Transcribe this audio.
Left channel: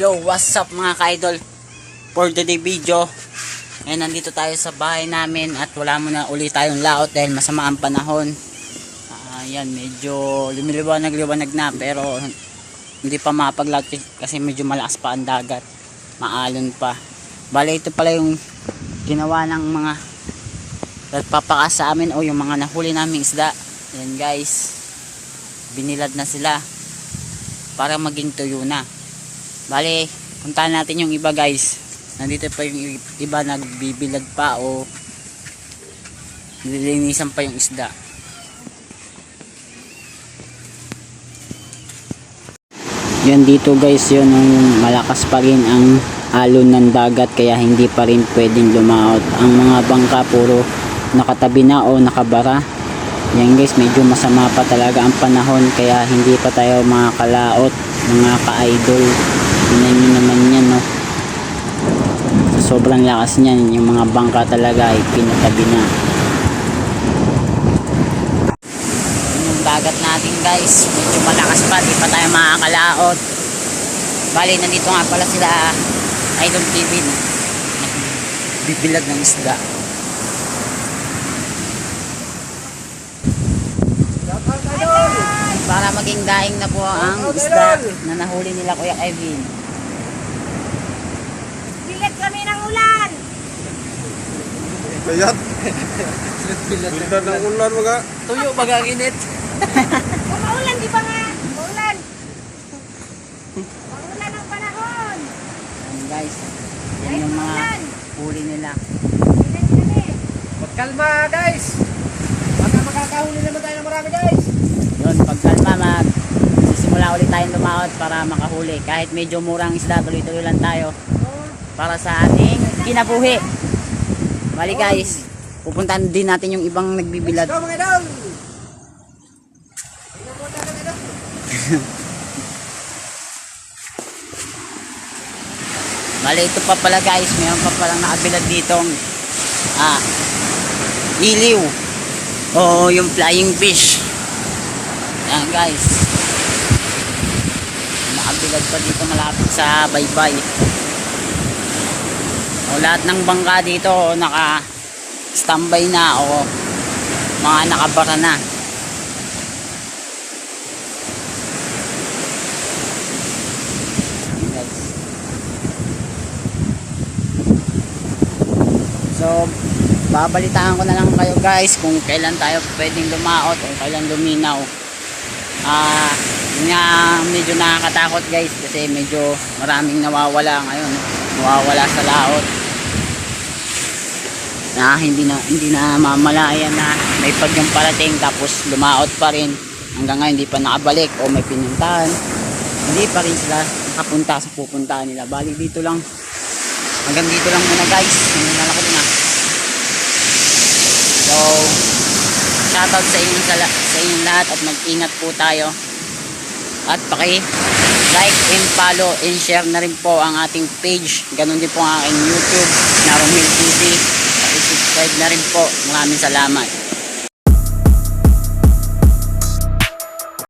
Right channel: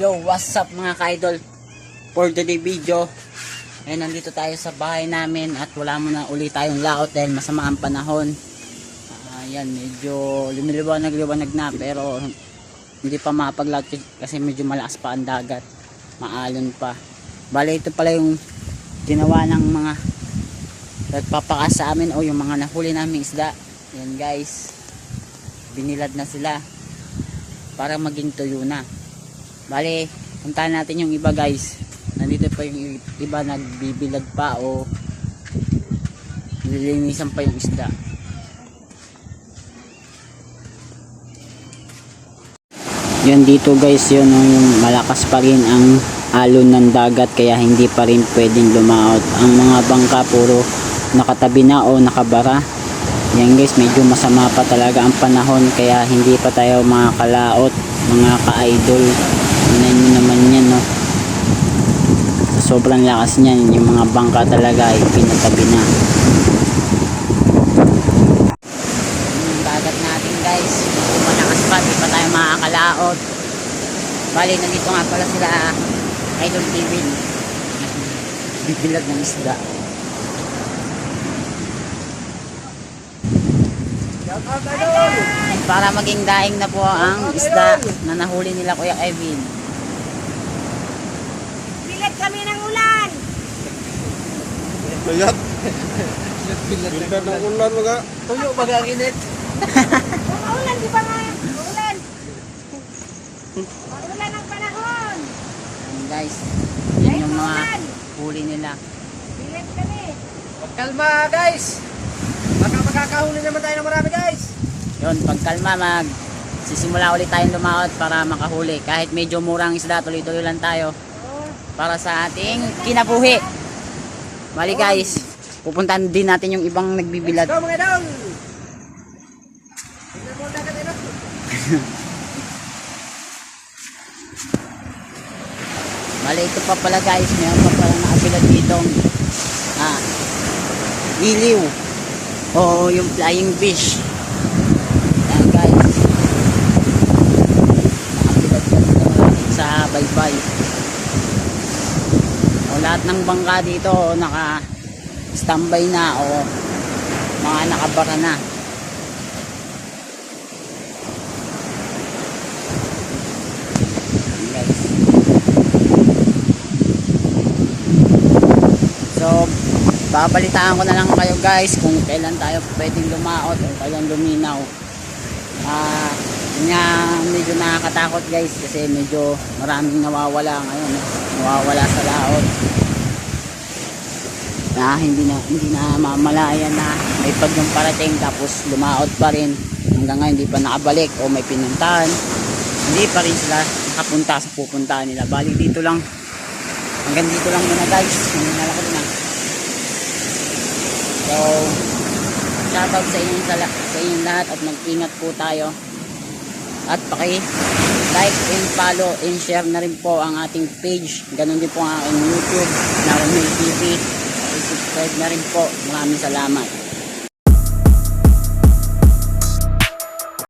Yo, what's up mga ka-idol? For today video, nandito tayo sa bahay namin at wala muna ulit tayong laot dahil masama ang panahon. Yan, medyo lumiliwanag na pero hindi pa mapaglaot kasi medyo malakas pa ang dagat. Maalon pa. Bale, ito pala yung ginawa ng mga nagpapakas sa amin o yung mga nahuli naming isda. Yan guys, binilad na sila para maging tuyo na. Bale, puntahan natin yung iba guys. Nandito pa yung iba nagbibilad pa o nililinisan pa yung isda. Yan dito guys, yun yung malakas pa rin ang alon ng dagat kaya hindi pa rin pwedeng lumaot. Ang mga bangka puro nakatabi na o nakabara. Yan guys, medyo masama pa talaga ang panahon kaya hindi pa tayo makakalaot mga ka-idol. Tingnan nyo naman yan, no? Sa sobrang lakas niyan, yung mga bangka talaga ay pinatabi na. Yun yung dagat natin guys, medyo malakas pa, di pa tayo makakalaot. Bali, nandito nga pala sila Idol TV, bibilag ng isda. Para maging daing na po ang isda na nahuli nila Kuya Kevin. Bigat kami ng ulan. Bigat. Bigat ng ulan mga. Tuyo magaginit. Maulan di ba nga? Maulan. Maulan ang panahon. Ayan guys, yan yung mga huli nila. Bigat kami. Magkalma guys. Baka makakahuli naman tayo ng marami guys. Yun, pagkalma sisimula ulit tayong lumaot para makahuli. Kahit medyo murang isda, tuloy-tuloy lang tayo para sa ating kinabuhi. Bali guys, pupuntahan din natin yung ibang nagbibilad. Go mga idol. Bali ito pa pala guys, mayroon pa palang nakabilad ditong iliw o yung flying fish. Yan guys, nakabilad pa dito malapit sa baybay. O lahat ng bangka dito naka standby na o mga nakabara na. So babalitaan ko na lang kayo guys kung kailan tayo pwedeng lumaot o kailan luminaw. Nga medyo nakakatakot guys kasi medyo maraming nawawala ngayon, no? Nawawala sa laot na hindi na mamalayan na may pagyong parating tapos lumaot pa rin hanggang ngayon hindi pa nakabalik o may pinuntahan, hindi pa rin sila nakapunta sa pupuntahan nila. Bali dito lang, hanggang dito lang muna guys, nalako na. So shoutout sa inyong lahat at mag-ingat po tayo. At paki-like and follow and share na rin po ang ating page. Ganon din po ang aking YouTube na Romel TV. Paki-subscribe na rin po. Maraming salamat.